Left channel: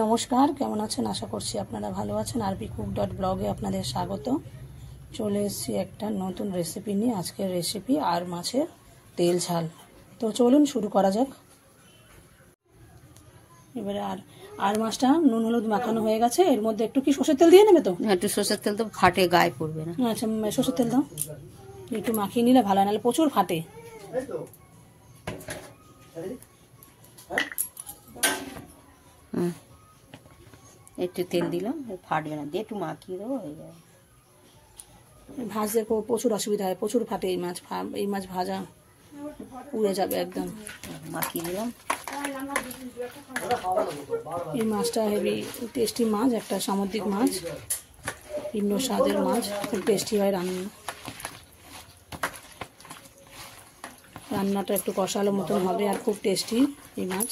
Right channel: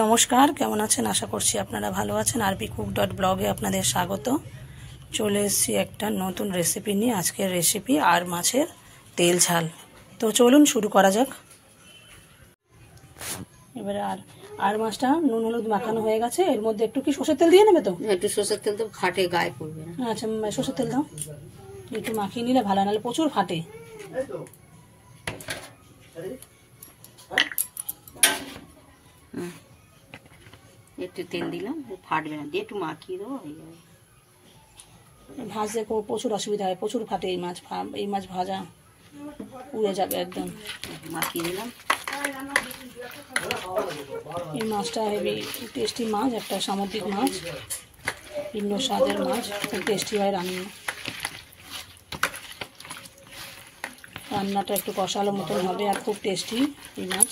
নমস্কার, কেমন আছেন? আশা করছি আপনারা ভালো আছেন। rpcook.blog-এ আপনাদের স্বাগত। চলে এসেছি একটা নতুন রেসিপি নিয়ে। আজকের রেসিপি আর মাছের তেল ঝাল। তো চলুন শুরু করা যাক। এবারে আর মাছটা নুন হলুদ মাখানো হয়ে গেছে। এর মধ্যে একটু কি সরষের তেল দিয়ে নেবে? তো একটু সরষের তেল তো ফাটে, গায়ে পড়বে না। আচ্ছা, সরষের তেল দাও। একটু মাখিয়ে নিলে ভালো, নাহলে প্রচুর ফাটে। একটু তেল দিলাম, ফাটবে না, দিয়ে একটু মাখিয়ে দেবো, হয়ে যাবে। ভাজতে প্রচুর অসুবিধা হয়, প্রচুর ফাটে এই মাছ ভাজা উড়ে যাবে একদম। মাখিয়ে দিলাম। এই মাছটা হেভি টেস্টি মাছ, একটা সামুদ্রিক মাছ, ভিন্ন স্বাদের মাছ, খুব টেস্টি হয় রান্নাটা একটু কষালো মতন হবে আর খুব টেস্টি এই মাছ।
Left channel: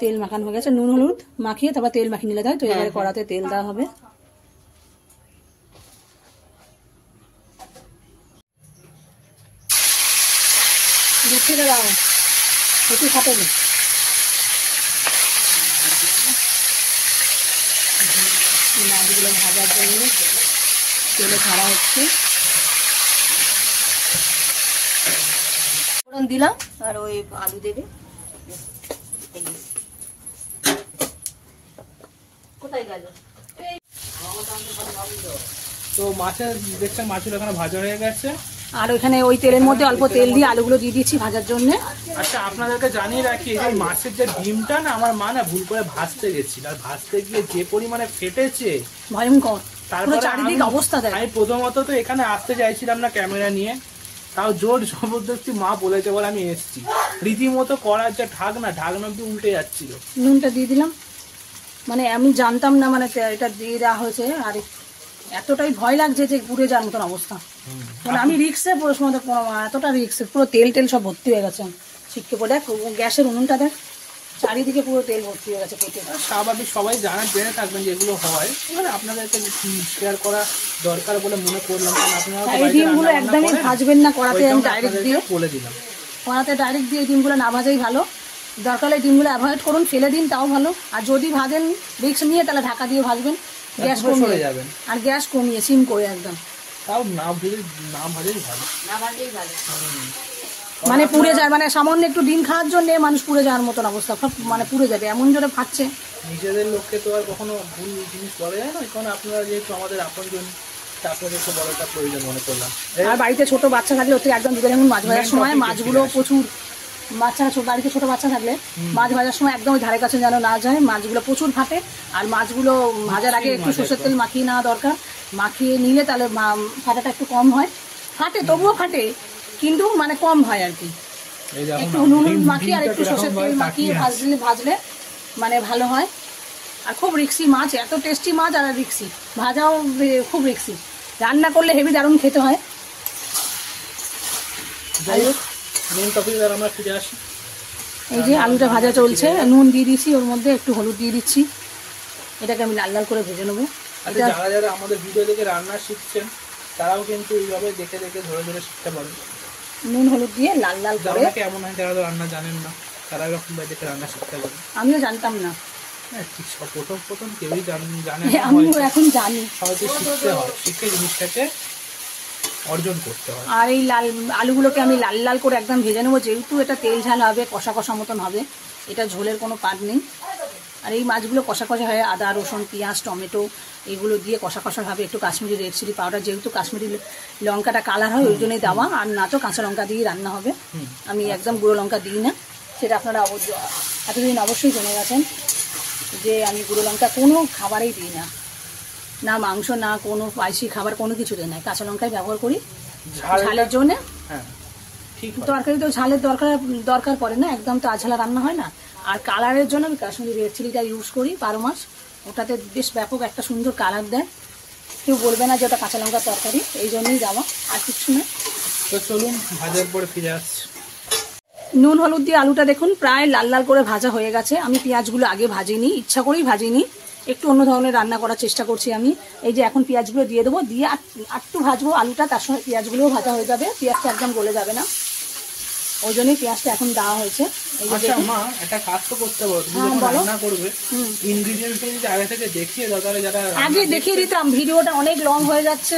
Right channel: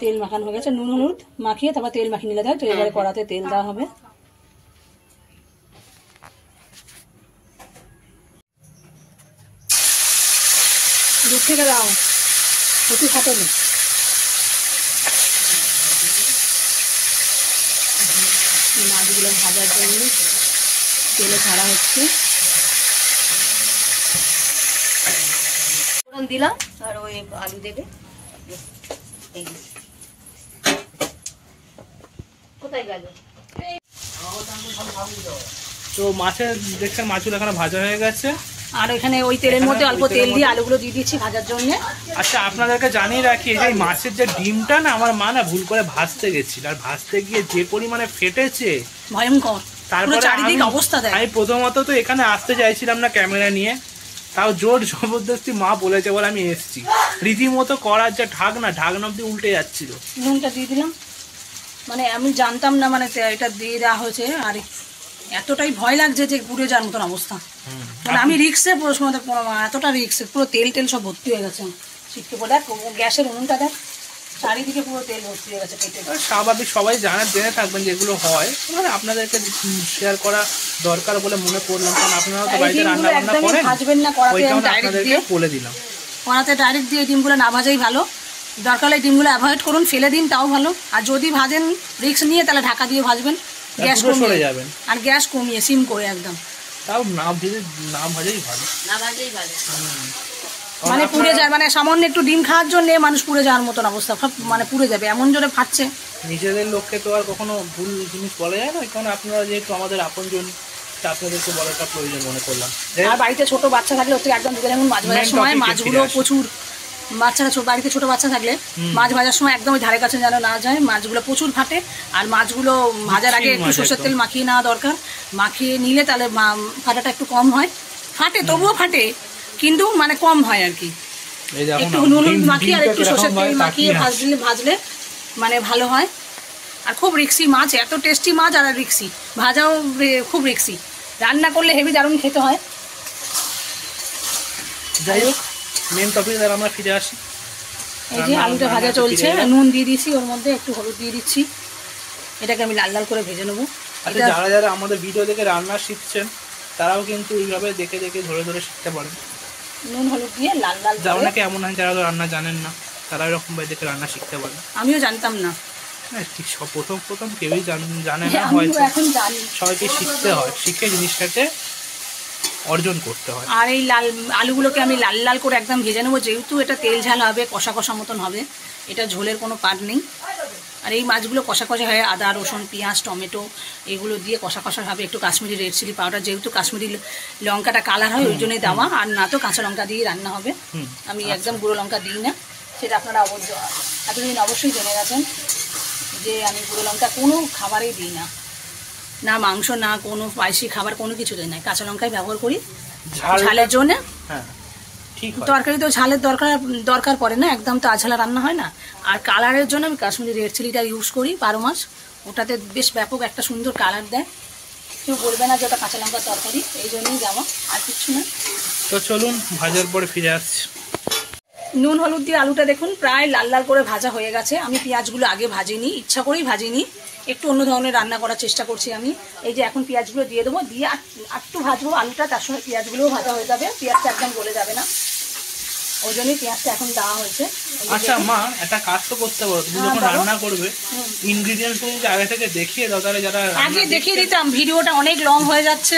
তেল মাখানো হয়ে গেছে, নুন হলুদ মাখিয়ে তারপর তেল মাখিয়ে নিলে দেয়। তো এবারে কড়াতে তেল দেওয়া হবে। দুধ থেকে দাও, প্রচুর খাটে না। মাছগুলো ভাজার জন্য তেলে ছাড়া হচ্ছে। ফোড়ন দিলাম আর ওই আলু দেবে। কোথায় গেল? তো মাছের দেখছেন, মাছগুলো এখানে ভাজা হয়ে গেছে। আর এখানে ওই তেলের মধ্যে অল্প তেল দিয়ে আলুগুলো দিয়ে দিচ্ছি ভাজার জন্য। আচ্ছা, আপনাদেরকে জানিয়ে রাখি যে মাছের যে ডিমটা না, আমার মা না ভুল করে ভাজতে গেছিল, আর ভাজতে গিয়ে যে পরিমাণে ফেটেছে ভয়ঙ্কর। তারপরে চারিদিকে অবস্থা দেয়। আমি প্রথমত তো এখানে আসতে চাইছিলাম না ক্যামেরা নিয়ে, তাও জোর জবরদস্তি মা বলেছে বলে আমি এসেছি। রীতিমতো করার যে ঢাকনা অব্দি উল্টে যাচ্ছিল। নুনটা দিয়ে দিলাম, মানে আমি জানতাম না, মানে এটা দিয়ে দেওয়া হয়েছে। আর এতটাই ভয় লাগছে যে পুড়ে যাওয়ার মতন অবস্থা। মানে আমি রিক্সে এতটা রিক্সে পুরো তেল সব ভর্তি হয়ে গেছে। শিখতে করে দেখ গ্যাসের উনুনটা দেখ, চারিদিকে পুরো তেল ভর্তি হয়ে গেছে পেটে। স্বাভাবিক, সবাই জেনে থাকবেন যেগুলো হয়, আপনাদেরকে শেয়ার করা দরকার বলে মনে করলাম। কারণ আপনারা তো বাড়িতে রান্না বান্না করেন, ভাজবেন না কড়াতে, ডাইরেক্ট দিয়ে বলে দিলাম। কড়াতে ডাইরেক্ট দিয়ে ডিমগুলো না ভাজাই ভালো। দরকার হলে ডিমগুলো অ্যাভয়েড করুন, ফেলে দিন, তাও ভালো। আর যদি ভাজেন রিক্স নিয়ে, তাহলে ঢাকা দিয়ে ভাজবেন, গ্যাস কমিয়ে যাবেন। আর গ্যাস কমিয়ে সিম করে একদম, তাও না ভাজাই ভালো। মানে পুড়ে যায়, মানে সামান্য একটু ডিম খাওয়ার জন্য মানুষ পুড়ে যাওয়ার মতন অবস্থা, মানে পুড়ে যাবে এমন জোরে ফাটছে। নিজেদের লোককে তো আর কখনো ভুল জিনিস বলা যায় না, কারণ আপনারা যেহেতু আমাদের আপনজন, আপনাদেরকে বলাটা প্রয়োজন মনে করলাম। আর বাড়িতে ছোট বাচ্চা থাকলে হচ্ছে একদম মাছ ভাজার সময় মাছগুলো প্রচুর, বাচ্চারা বাড়িতে ছোট বাচ্চা থাকলে মাছ ভাজার সময় একদম ধারে কাছে যেন না যায়, মাছগুলো প্রচুর ফাটে। আর মাছগুলো ভাজার আগে একটু সরষের তেল মাখিয়ে নেওয়া দরকার। মাখিয়ে নিলে তাহলে ফাটাটা একটু কম হয়। ফাটে, তবুও ফাটে, কিন্তু মানে কম হয় আর কি। একটু নুন মাখিয়ে আর একটু সরষের তেল মাখিয়ে ভাজলে মানে ভালো হয়। আর খুব রিক্সি মাছ, এত টেস্টি মাছ, আর রিক্সি ভাজাও খুব রিক্সি। রান্না করলে হেভি দারুণ খেতে হয়। যাই হোক, মেন টপিকে আমরা ফিরে আসি। এই যে আলুটা ভাজা চলছে, নুন দিয়ে দিচ্ছি, ওর মধ্যে একটু হলুদ দিয়ে দিচ্ছি। এটাকে আমি লাল লাল করে ভেজে নেবো। যারা আমাদের ভিডিও দেখে রান্না শিখছেন, তারাও কিন্তু এইভাবে দেখে ধরে শিখতে পারেন। নুন হলুদ দিয়ে লাল লাল করে। অনেকে এমন হয় যারা রান্না জানেন না, তারা এরকম ভাবে দেখে রান্না শিখতে পারেন। আমিও জানতাম না, প্রথম কেউই জানে না, এখন জানি। সবাইকে শিখতে হয়, শিখে জিনিসটাকে অর্জন করতে হয়। আর এই আলুগুলোকে আমি লাল লাল করে একদম ভেজে নেবো, যেহেতু এটা তেল ঝাল হবে, কষা কষা মতন হবে, এটা ঝোলের কোনো পাট নেই। আর এই মাছগুলো কষা কষা হয়, আদা রসুন পেঁয়াজ টমেটো এগুলো দিয়ে কষা কষা হবে। একটু কাশ্মীরি রেড চিলি পাউডার, যেহেতু কাশ্মীরি লঙ্কাটা কালার হয় ওই জন্যই দেওয়া, আর না তো কাঁচা লঙ্কা দিয়ে রান্না হবে। আমি একদম গুঁড়ো লঙ্কা দিই না, সেটা আপনারা এতদিন অবশ্যই জেনে গেছেন যে আমি গুঁড়ো লঙ্কা কোনো খাবারেই দিই না, না মাংস, না কোনো স্পাইসি খাবার, কোনো কিছু দিই না। কাঁচা লঙ্কাই ব্যবহার করি ঝালের জন্য। তরকারি তো ঝালের দরকার পড়ে না, একদম তো আঝালা রান্না হয় না। আর কালারের জন্য আমি কাশ্মীরি রেড চিলিটা ইউজ করি 12 মাস। ওটাতে বেশ ব্যাপক একটা সুন্দর কালার দেয়, কেউ বলবে না যে ওটা কাঁচা লঙ্কার তরকারি, এই জন্যই দেওয়া, আর কিছু না। তো চলুন ভাজার পরে ফিরে আসছি। নুন হলুদ দিয়ে আলুটা দেখুন প্রায় লাল লাল করে ভাজা হয়ে গেছে। আমি পেঁয়াজগুলো আগে ভাজিনি, ইচ্ছা করেই ভাজিনি, একটু অন্য ধরনের রান্না করার চেষ্টা করছি আমি। এই যে এখন পেঁয়াজগুলো দিয়ে দেবো, দিয়ে একটু ভাজবো আলুটা, তার সঙ্গে পেঁয়াজগুলোও ভাজা হয়ে যাবে, পেঁয়াজটা একদম গলে যাবে না, ওই জন্যই পেঁয়াজটা এখন দেওয়া হয়েছে। আচ্ছা মা, একটা কাজ তো করতে পারো, তুমি যখন রান্না করবে ইনগ্রিডিয়েন্টস যদি আগে থেকে দেখিয়ে দাও, তাহলে যারা আগে দেখিয়ে দিতাম, ভিডিওটা অনেক লং হয়ে যাচ্ছে,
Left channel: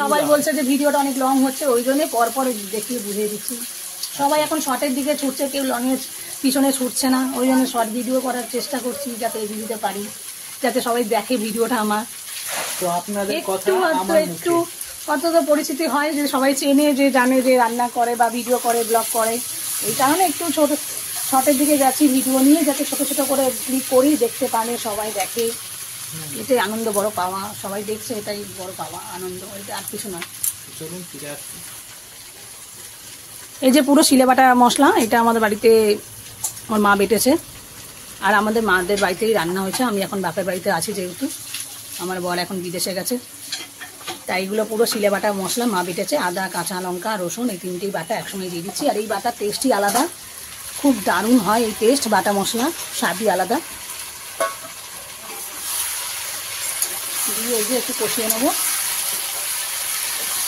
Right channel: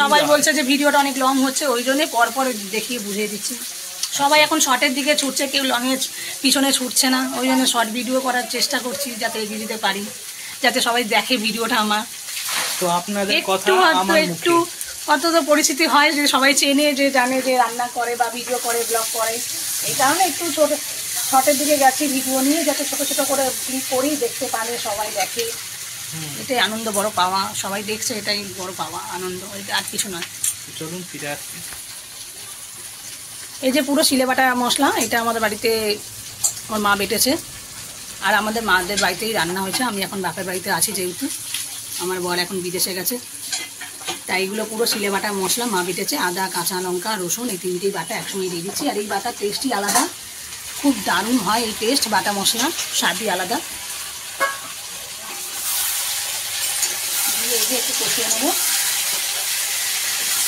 সবাই বলছে যে ভিডিওটা অনেক লং হচ্ছে, ওই জন্যই পরপর দেখিয়ে বুঝিয়ে দিচ্ছি। সবাই এখন শর্টের দিকে ছুটছে, কেউ লংয়ের পিছনে ছুটছে না, ওই জন্য শর্ট ভিডিও করার চেষ্টা করছি যাতে এগিয়ে দিতে পারি, যাতে সবাই দেখে ভিডিওটা আমার। তো আপনাদের কথা আমার একটু কত তো পরিস্থিতি হয় যে সবাই চেনে, যে জানে যে রান্না করে বা ভিডিও করে, ব্লগ করে, এই কারণে একটু ছোট শর্টের দিকে যাচ্ছি ভিডিও নিয়ে, যাতে ছোট ছোট করে ক্লিক করি, দেখতে পারে, সবাই দেখে, এটাই আনন্দ, বড় পাওয়া, সবাই দেখছে, এটাই বড় পাওয়া, আনন্দ, এটা আর কিছু নয়। চলুন ফিরে আসছি। এই যে পুরো শিলে বাটা মশলা, এটা আমাদের বাড়িতে আমার মা বেটেছে, আর আমাদের মাদের বাড়িতেই রান্না হয়েছে। আমি এখন বাপের বাড়িতে আছি, যেহেতু আমার বর এখন বিদেশে গেছে, তাই এগুলো পুরো শিলে বাটা মশলা মা বেটেছে। আদা, কাঁচা লঙ্কা, রসুন, এই তিনটেই বাটা একসঙ্গে দিয়ে দিচ্ছি। আর এই বাটার টেস্টই আলাদা, খুব দারুণ হয় এই টেস্ট, বাটা মশলা স্বাদই আলাদা। দিয়ে এই যে একটু কষিয়ে নেবো,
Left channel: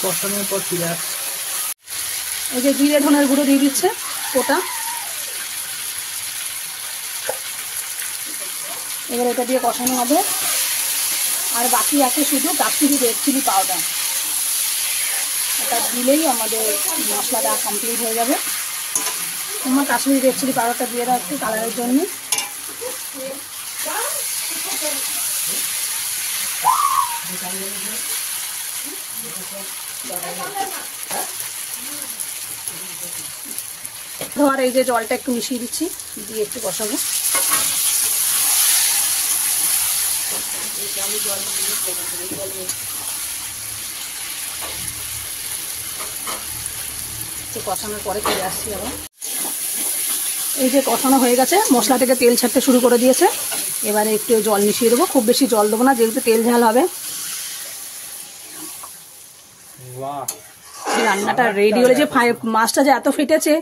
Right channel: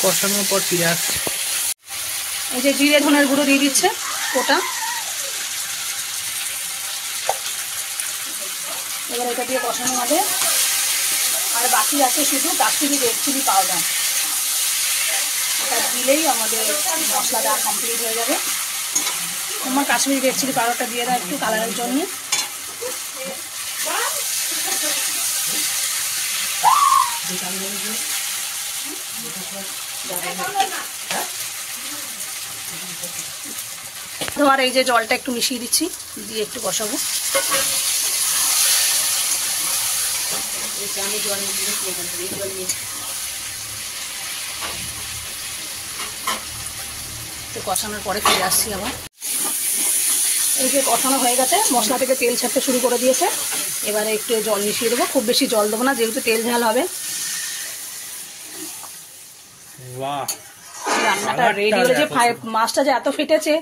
কষানোর পর ফিরে আসছি। এই যে জিরে ধনের গুঁড়ো দিয়ে দিচ্ছে ওটা, এবার এটা দিয়ে কষানো হবে। আর বাকি আছে শুধু কাশ্মীরি রেড চিলি পাউডার, এটা দিলেই আমাদের মশলাটা কমপ্লিট হয়ে যাবে। তোমার কাশ্মীরি রেড চিলি পাউডারটা দিয়ে দাও একটু কালারের জন্য। তোমার এই যে জলটা একটু মিশিয়ে দিচ্ছি, দিয়ে একটু কষাবো। কষানোর পরে ফিরে আসছি আবার। এই যে কষানো হয়ে গেছে, মশলা থেকে তেল ছাড়তে শুরু করে দিয়েছে, এবারে একটু জল মিশিয়ে দেবো, খুব বেশি জল দেবো না, যেহেতু তেল ঝাল হবে। রান্নাটা রেডি হয়েছে, মাছটা যে এত ফেটেছে,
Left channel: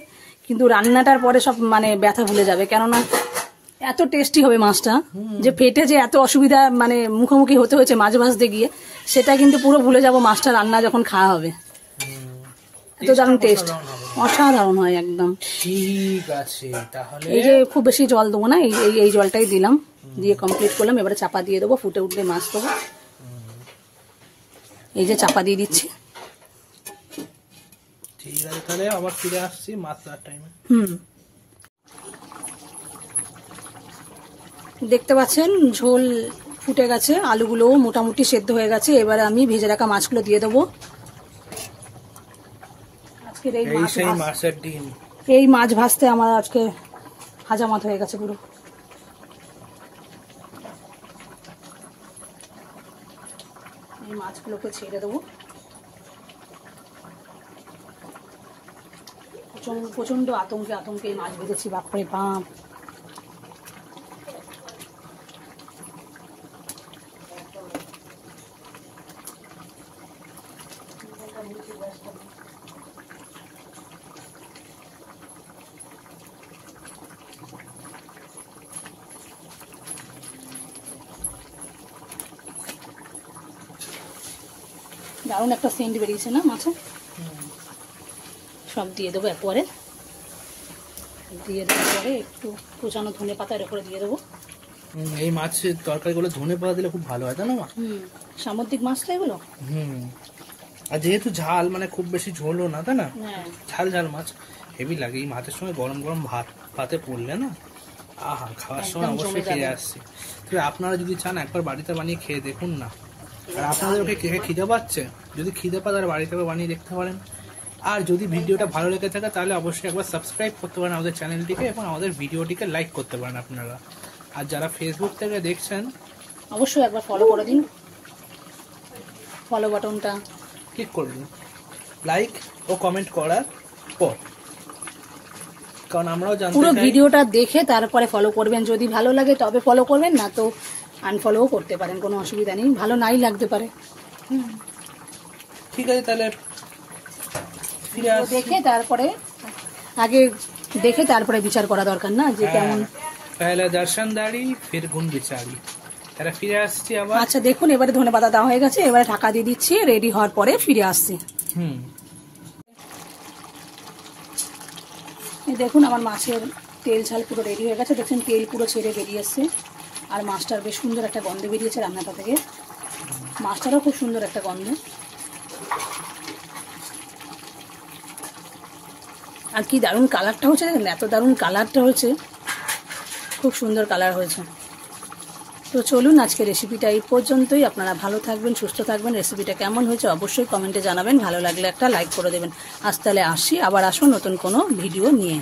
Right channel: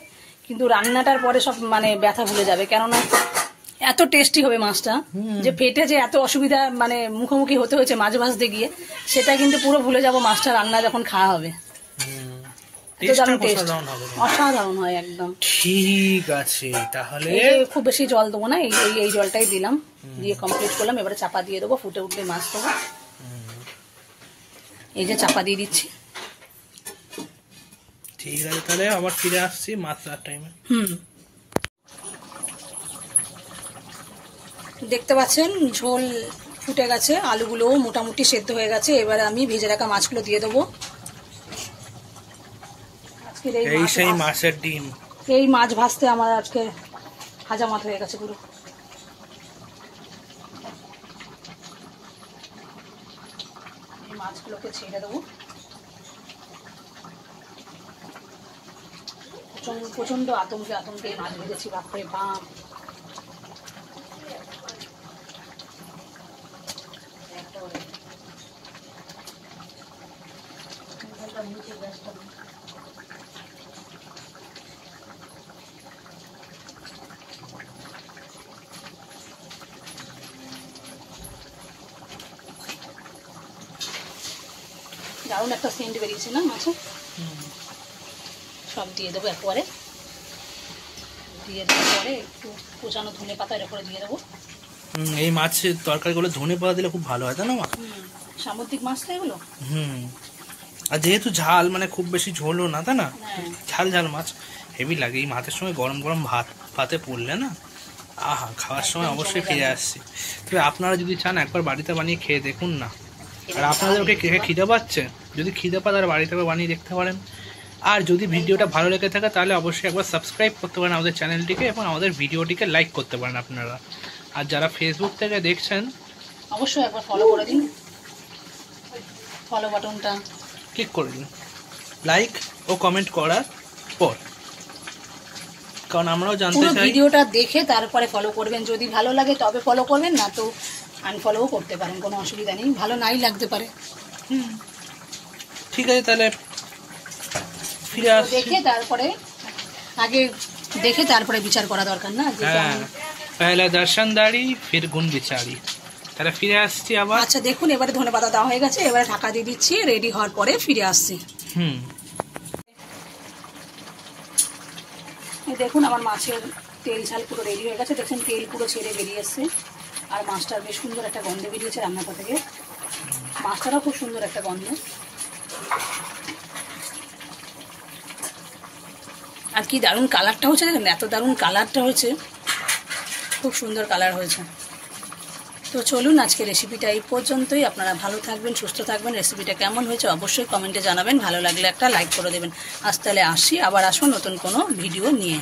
কিন্তু রান্নাটার পরে সব মানে ব্যথা ভুলে যাবে, কেননা এত টেস্টি হবে মাছটা, যে ফেটে যে এত অসুবিধা মানে মুখোমুখি হতে হয়েছে মাছ ভাজতে গিয়ে, সেটা কিন্তু পুরো ভুলে যাবো মাছটা রান্না যখন খাওয়া হবে। অসাধারণ হয় একদম। ঠিক আছে, তাহলে এই যে খুব বেশি জল দেবো না, এই জলটাই দিলাম, দিয়ে কমপ্লিট করলাম। এবারে চাপা দিয়ে দেবো, ফুটে উঠলে মাছ দেবো। এই যে চাপা দিয়ে দিচ্ছি। ঠিক আছে, তাহলে আবার ফিরে আসছি মাছ রাত টাইমে। দেখতে পাচ্ছেন ঝোল ফুটে গেছে, আলুগুলোও মোটামুটি সেদ্ধ হয়ে গেছে। এবারে আমি ভেজে রাখা মাছগুলো দিয়ে দেবো। এই সেই মাছের ডিম, এই মাছ ভাজতে আমার আজকে হাজামাত হয়ে গেছে পুরো। এই মাছগুলোকে ছেড়ে দেবো। প্রচন্ড আতঙ্কে মাছ ভেজেছি, বাপরে বাপ। দারুণ একটা সেন্ট বেরিয়েছে না মাছে। সব দিয়ে দেবো এরপরে, দিয়ে দেওয়ার পরে একটু কুচানো ধনে পাতা এর উপরে দিয়ে দেবো। এই মাছের তরকারিগুলো ধনে পাতা দিলে খুব ভালো হয়, তাই না মা? সামুদ্রিক মাছ তো এগুলো। আর যেহেতু ঝাল, মানে খুব বেশি ঝোলও না, তাই না? ঝাল ঝাল মাছ হেভি লাগে। এই মাছের সঙ্গে গরম গরম ভাতে পড়লে না, আহা, খাওয়ার সময় অবশ্যই ফিরে আসছি। তবে আপনারা যদি চান একবার বাড়িতে বানিয়ে খেয়ে দেখুন না। আর আপনাদেরকে খিদে পাচ্ছে, যদি খিদে পায় তাহলে বাড়িতে বানিয়ে দেখতে পারেন। আর যদি ভিডিওটা ভালো লেগে থাকে তাহলে অবশ্যই একবার সাবস্ক্রাইব করতে পারেন আমাদের চ্যানেলটিকে, এবং আমাদের ভিডিওটিকে লাইক করতে পারেন আপনারা। আর যারা ফেসবুক থেকে দেখছেন অবশ্যই একবার ফলো করে দিন, ফলো বাটনটা ক্লিক করে দিন লাইক ও কমেন্ট করার পর, কারণ আমরাও জানতে চাই। ভিডিওটা দেখে তারপরে ফলো করবেন, যদি ভালো লাগে তবে ফলো করবেন, না তো আনফলোও করতে পারেন, কোনো অসুবিধা নেই, ভালো নাই লাগতে পারে। ঠিক আছে, তাহলে ফিরে আসছি। দেখে তারপরে আগে দেখে তারপরে বিচার করা দরকার না, যে पहला दर्शनदारी फिर गुण बिचारी। তাহলে ফিরে আসছি আবার। আচ্ছা দেখুন এবারে ধনেপাতা দেওয়া হয়ে গেছে, এবারে ঢাকা দিয়ে দিচ্ছি, রেডি হওয়ার পরে ফিরে আসছি। এই দেখুন আমার মাছের তেল ঝাল পুরো রেডি হয়ে গেছে, দেখুন তেল পুরো ছেড়ে বেরিয়ে এসছে, আর মাছটার বেশ সুন্দর একটা গন্ধ বেরিয়েছে রান্নাটা থেকে, মাছটারও খুব সুন্দর একটা গন্ধ। আর কি দারুণ কালারটা হয়েছে, দেখুন এত দারুণ কালারটা হয়েছে, খুব সুন্দর কালার হয়েছে। তো চলুন আজকে রেসিপিটা এই পর্যন্তই। আপনারা ভালো থাকবেন, সুস্থ থাকবেন। রেসিপিটা কেমন হয়েছে অবশ্যই কমেন্টে জানাবেন, ভালো লাগলে একটা লাইক করে দেবেন। আজ তাহলে আসি, আবার আসুন নতুন কোনো ভিডিও নিয়ে।